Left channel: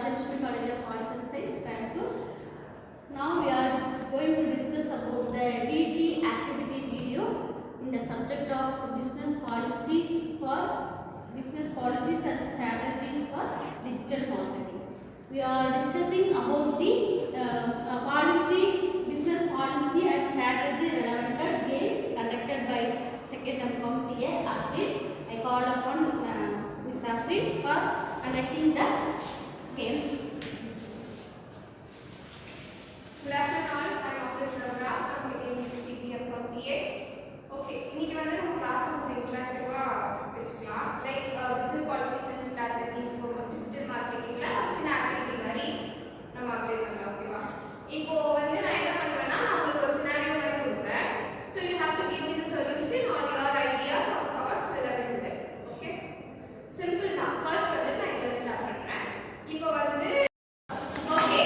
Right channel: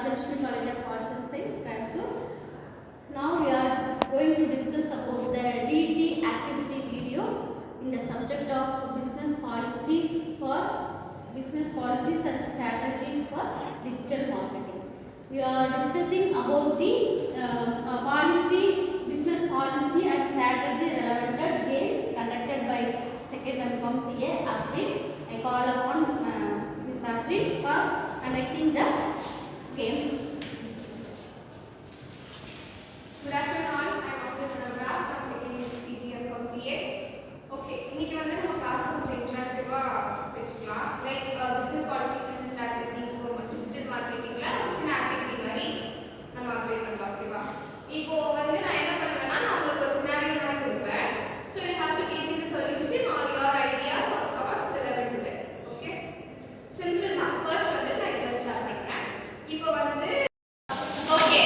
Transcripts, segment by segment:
Rajashri College of Arts and Science, Kanpur. Now we are going to discuss about the DT activity video in the subject of business policies and strategies for digital marketing. We are discussing about the business policy and strategy relevant at games conducted by second MCom CA Afrin. I call upon Ms. Afrin for conducting the game. Good afternoon all. I am Afrin Chandra from second PG MCom CA. Okay, இன்னைக்கு வந்து நம்ம class கொஞ்சம் இன்டராக்டிவா பேசலாம். Like business policies and strategies for digital marketingல சின்ன activity மாதிரி நம்ம apply பண்ணலாம். ஓகேவா? இப்போ வந்து நான் என்ன பண்ணுவேன்னா நான் உங்களுக்கு ஒரு சினாரியோ மாதிரி கொடுப்பேன். So you have to give me the solution or your ideas or thoughts relevant to that. Okay? Simple தான். First வந்து நான் இத ஸ்டார்ட் பண்றேன். இப்போ வந்து okay,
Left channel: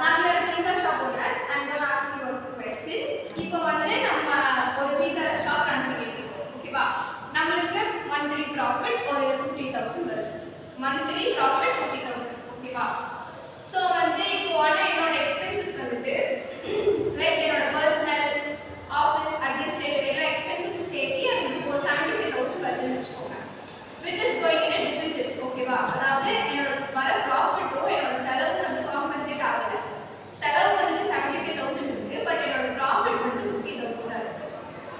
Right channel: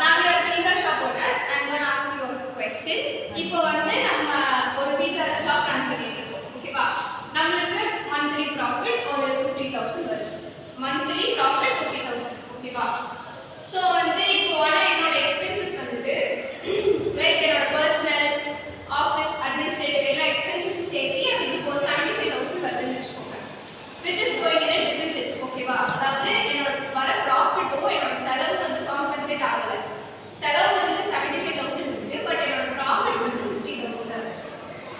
now you are pizza shop owners. I'm going to ask you a question. இப்போ வந்து நம்ம ஒரு pizza shop run பண்ணிட்டு இருக்கோம். ஓகேவா? நமக்கு monthly profit ஒரு 50000 வருது. monthly profit 50000. ஓகேவா? So வந்து இப்போ ஆனா என்னோட expenses வந்துட்டு லைக் என்னோட personal office administrative எல்லா expenses சேர்த்து எனக்கு ஒரு 75000 வருதுன்னு வெச்சுக்கோங்க. which is going in a deficit. ஓகேவா? அதாவது என்னோட வர profit என்னோட செலவு வந்து compensate ஆகல. செலவு வந்து 75000 இருக்கு பட் என்னோட profit வந்து 50000 தான் இருக்கு.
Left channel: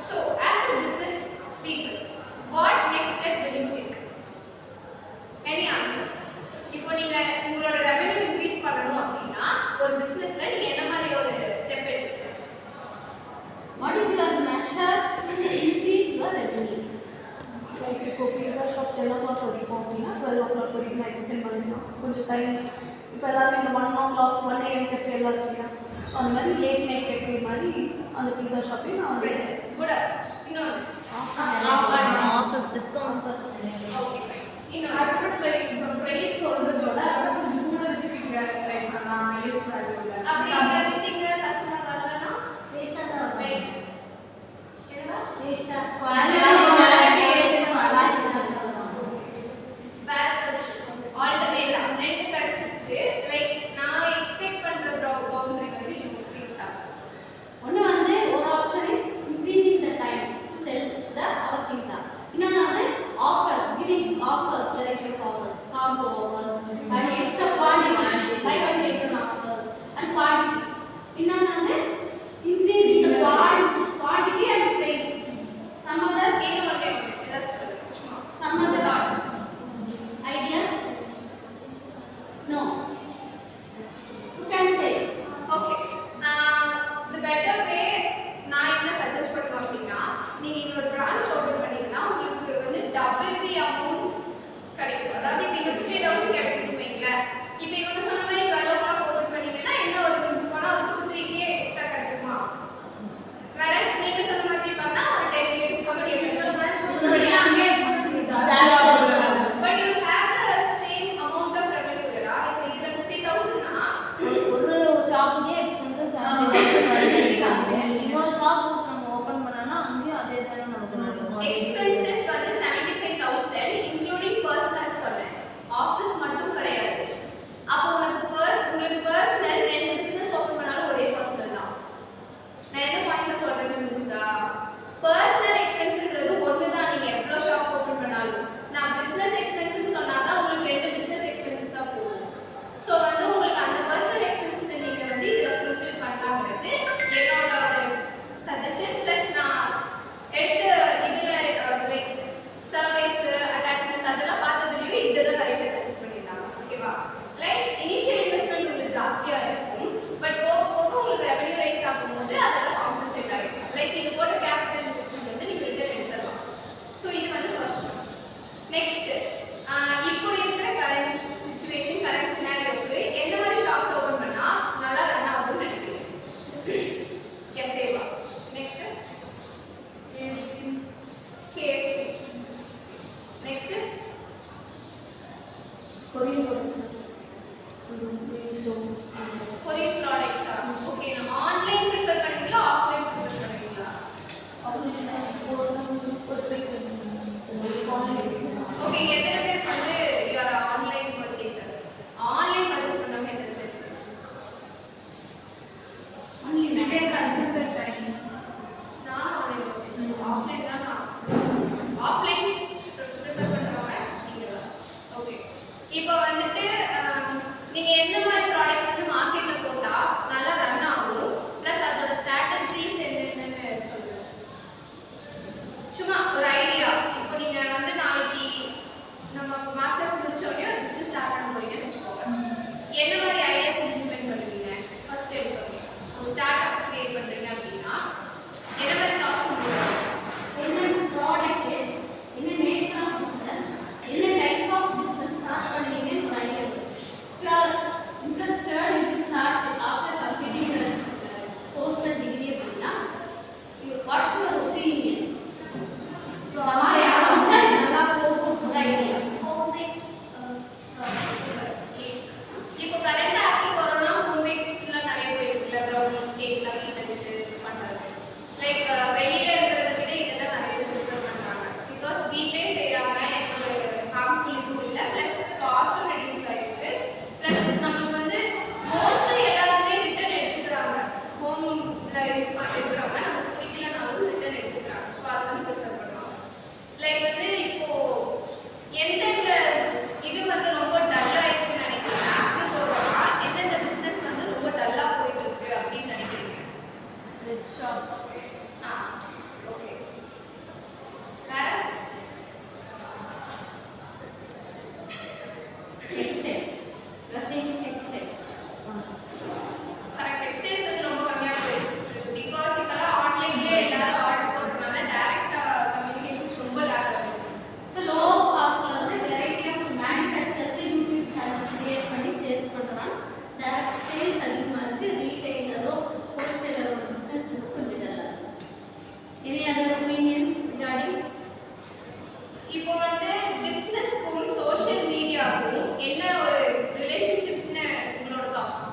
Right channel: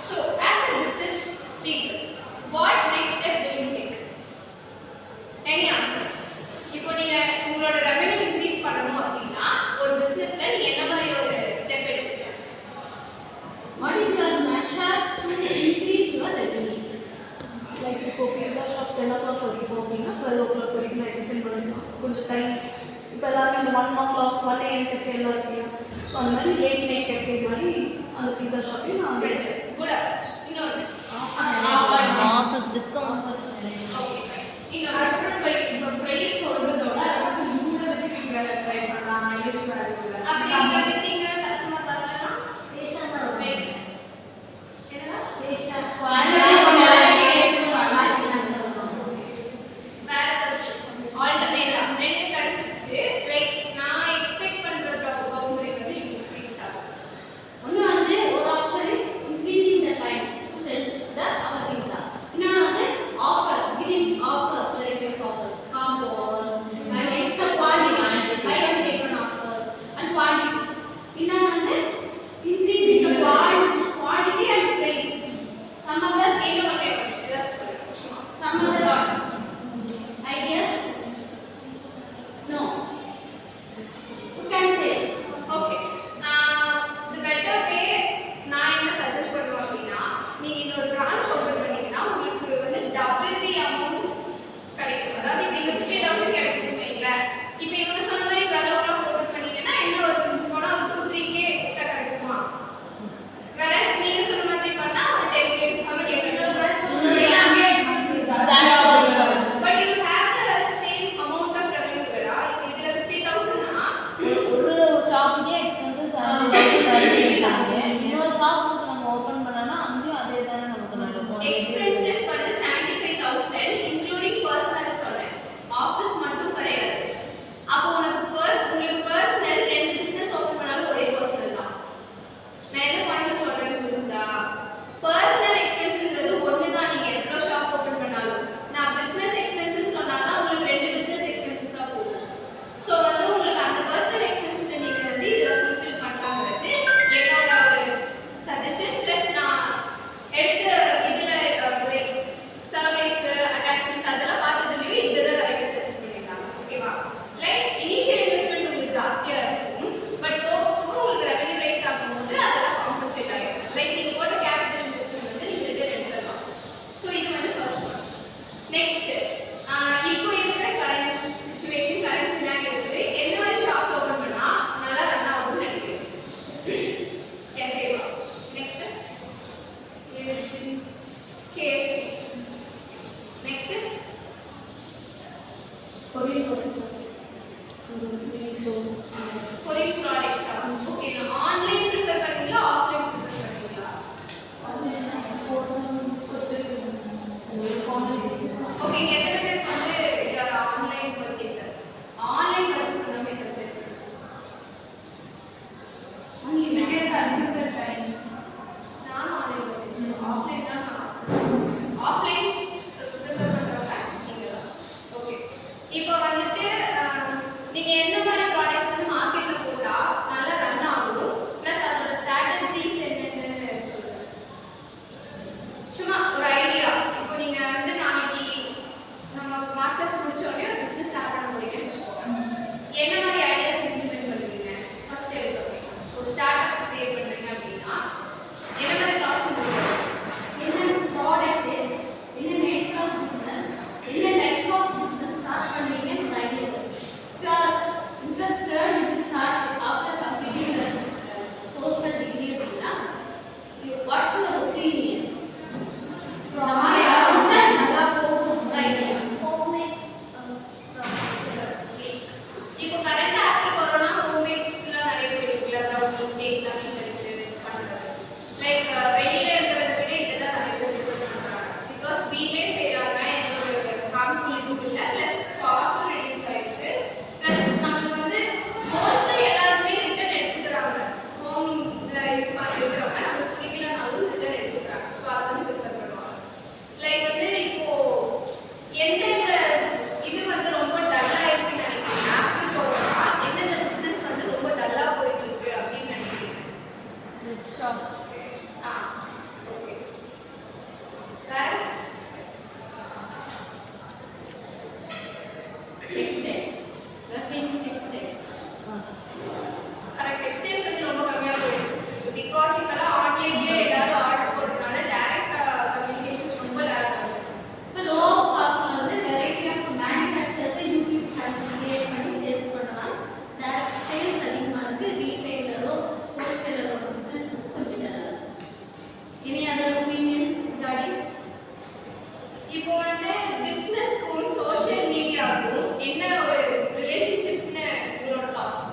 So as a business people, what next step will you take? Any answers? இப்போ நீங்க உங்களோட ரெவென்யூ இன்க்ரீஸ் பண்ணனும் அப்படினா ஒரு பிசினஸ்ல நீங்க என்ன மாதிரி ஒரு ஸ்டெப் எடுப்பீங்க? What is your measure to increase your revenue? Like இப்போ pizza shop 10 o'clock வரைக்கும் அப்படின்னா 12 o'clock வரைக்கும் நான் எக்ஸ்டெண்ட் பண்ணிக்கலாம் கொஞ்சம் டைம். இப்போ எல்லாரும் இந்த 1 o'clock 1 AM cafe எல்லாம் இருக்கு. ஸோ அந்த மாதிரி லேட் நைட் cafe மாதிரி அந்த pizza shopலையும் நான் குட் அப்ரோச். இன்னொரு ஆஃபர்ஸ் டிஸ்கவுண்ட். Okay fine. இன்னொரு பிரைஸ் சொல்றதோட அதுக்கு கூட வச்சுக்கிங்க ட்ரை பண்ணலாம் யூஸ் வேல்யூல அப்படி நீங்க வித்தீங்க கஸ்டமர் வரலனா வேஸ்டா தான் லைக் என்னடா வேஸ்டா குவாலிட்டி வேற ஏதாச்சும் ஆல்டர்னேட்டிவ் ரெண்டு கிடைச்சிச்சு லைக் நான் எக்ஸ்பெக்ட் பண்ற பவுண்டரி வந்து இன்க்ரீஸ் ஆகும். ஒன்று வந்து ஒரு option is increasing the time to sell the our pizza. இன்னொன்று வந்து offer giving offers selective offers combo offers and extra quantity buy one get one offers and quantity. இன்னொன்று வந்து increasing the quantity and price. Some other இன்னொரு ஏதாச்சும் சொல்லுங்க சும்மா some other ideas? No. You can say. Okay the better way நான் என்ன suggest பண்ணுவேன் அப்படினா நீங்க இன்னொரு பிரான்ச் ஓபன் பண்ணீங்கன்னா உங்களுக்கு வந்து டபுள் தி அமௌண்ட் கிடைக்கும். அதாவது இப்போ இங்க 50000 கிடைக்குதுன்னு வைங்களேன். இப்போ இவங்க சொன்ன மாதிரி 12 o'clock ஓபன் பண்ணீங்கன்னா என்ன ஒரு கொஞ்சம் போனா ஒரு 2-3k எக்ஸ்ட்ரா கிடைக்குமா? whereas நீங்க சொன்ன மாதிரி பண்ணா ஒரு 10k 15k but you have the same amount of revenue கடா. இதுல 50000 னா ஒரு ஷாப்புக்கே எக்ஸ்பென்சஸ் 70000 வருதுங்க. இன்னொரு ஷாப்புக்கு நம்ம ஓபன் பண்ணனா அங்கேயும் அதே தானே நமக்கு நடக்கும். expenses வந்து 75000 இன்க்ளூடிங் பர்சனல் சொன்னேன். ஆபீஸ் மட்டும் கிடையாது. அப்போ உங்களுக்கு பர்சனல் ரெண்டு பிசினஸ் ஓபன் பண்ணாலும் ஒரே பர்சனல் தான். நான் என்ன பாயிண்ட் சொல்றேன்னு புரியுதா? பர்சனல் எக்ஸ்பென்ஸ்ங்கிறது ஒண்ணு தான் நீங்க எவ்வளவு ஷாப் ஓபன் பண்ணாலும். நான் பிசினஸ் எக்ஸ்பென்சஸ் சொன்னாதான் உங்களுக்கு ரெண்டு பிசினஸ் எக்ஸ்பென்சஸா போகும். சோ வந்து உங்களுக்கு அந்த பர்சனல் எக்ஸ்பென்சஸ் நீங்க வந்து இதுல ஃபுல்ஃபில் பண்ணலாம்ங்கிறது என்னோட ஒரு சஜஷன். பிளஸ் நான் எடுத்த இதுல லைக் சர்வீஸ் அட்டாச்மெண்ட்ஸ் அதெல்லாம் பார்த்ததுலயும் இதுதான் நிறைய பேர் சஜஸ்ட் பண்ணிட்டாங்க. ஓகேவா? லைக் இனிஷியல் இன்வெஸ்ட்மெண்ட் உங்களுக்கு ஜாஸ்தியா இருக்கும் பட் போக போக உங்களுக்கு ரெவென்யூ ரைஸ் ஆகும்போது அதெல்லாம் காம்பன்சேட் ஆகும். லைக் நீங்க போட்ட கேபிட்டல் இன்வெஸ்ட்மெண்ட் வந்து நீங்க ரிட்டர்ன் எடுத்துடலாம். சோ இது வந்து ஃபர்ஸ்ட் ஒன். நெக்ஸ்ட் இப்போ இருக்கிற கரண்ட் சிச்சுவேஷன் கரண்ட் சினாரியோக்கு எந்த மாதிரி ஷாப்ஸ் ஓபன் பண்ணா நல்லா ரன் ஆகும்னு நினைக்கிறீங்க? கேஃபேவா? Next KFC. Next Korean products so Korean ப்ராடக்ட்ஸா? ஓகே நான் ஆன்லைன் ப்ரிஃபர் பண்ணுவீங்களா ஆஃப்லைன் ப்ரிஃபர் பண்ணுவீங்களா? ஓகே எத்தனை பேருக்கு வந்து you are online purchaser? Online purchase வீட்லயே செய்றாங்க, எந்த ஒரு ஹார்ம்ஃபுல் இதுவும் இல்லை, ப்ளஸ் காஸ்ட்டும் ரெடியூஸ் ஆயிருக்கு, ப்ளஸ் நமக்கு வந்து மோஸ்ட்லி எல்லாருமே ரிட்டர்ன் எடுத்துக்கிறாங்க. ஹோம்ல இருக்கிறவங்க நமக்கு பிடிக்கலனாலும் ரிட்டர்ன் எடுத்துக்கிறாங்க. ஸோ அதை வந்து ப்ரிஃபர் பண்ணுவாங்க. லைக் வந்து இப்போ எந்தெந்த இது வந்து ரொம்ப டல்லா இருக்குன்னு நினைக்கிறீங்க? ஆஃப்டர் கோரோனா எந்தெந்த பிசினஸ் வந்து ரொம்ப டல்லா போயிட்டு இருக்கு அப்படின்னு நினைக்கிறீங்க? ஷாப் ஆ ஓகே. வேற டெக்ஸ்டைல் டெக்ஸ்டைல் கரெக்ட். டெக்ஸ்டைல்ஸ் வந்து ரொம்ப கம்மியா போயிட்டு இருக்கு. பிகாஸ் இப்பெல்லாம் ஆன்லைன்லயே எல்லாரும் ஆர்டர் போடுறதுனால டைரக்டா கம்யூனிகேஷன்ஸ் ரொம்ப லேக் ஆகுது. இப்போ லோ காஸ்ட்ல வந்து variety of manufacturers YouTube channel create பண்ணி சேல்ஸ் பண்ணுறாங்க. டேரக்ட் சேல்ஸ் அதிகமாக இருக்குது. ரீட்டைலரோ ஹோல்சேலரோட பிஸ்னஸ் வந்து கொஞ்சம் நல்லா இருக்கு. Any other opinion regarding? இப்போ வந்து பிசினஸ்க்கும் சோஷியல் மீடியாவுக்கும் என்ன ஒரு ரிலேஷன்ஷிப்னு உங்களோட தாட்ஸ்?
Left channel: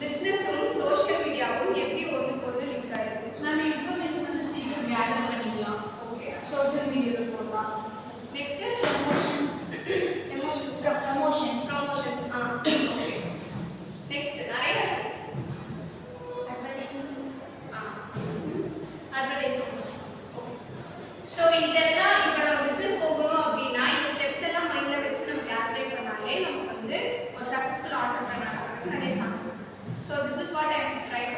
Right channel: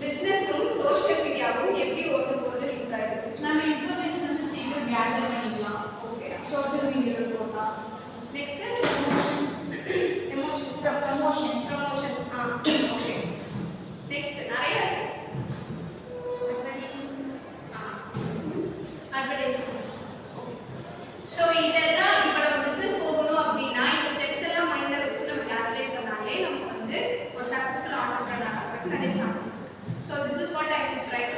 பிசினஸும் சோஷியல் மீடியாவும் எப்படி ஒன்றுக்கு ஒன்று லிங்க் ஆயிருக்கு? நம்ம இன்ஃபர்மேஷன் வந்து சீக்கிரம் கேதர் பண்ணிக்கலாம். ஓகே. சோஷியல் மீடியாவில் போடலாம். Next promotions emotions. ப்ரமோஷன்ஸ். ஆ ஓகே. நெக்ஸ்ட் நிறைய இருக்கு. அட்வர்டைஸ்மெண்ட். ஓகே. ஸோ இதெல்லாம் இப்போ நம்ம பிஸ்னஸ் போகணும் அப்படின்னா இந்த ஸ்டெப்ஸ் எல்லாம் மைண்டில் வச்சு நம்ம கேல்குலேட் பண்ணாலே நமக்கு வந்து ஒரு சக்ஸஸ்ஃபுல் ஆண்டர்பிரனர் ஆகிறதுக்கு நிறைய சான்சஸ் இருக்கு. So this is what I try to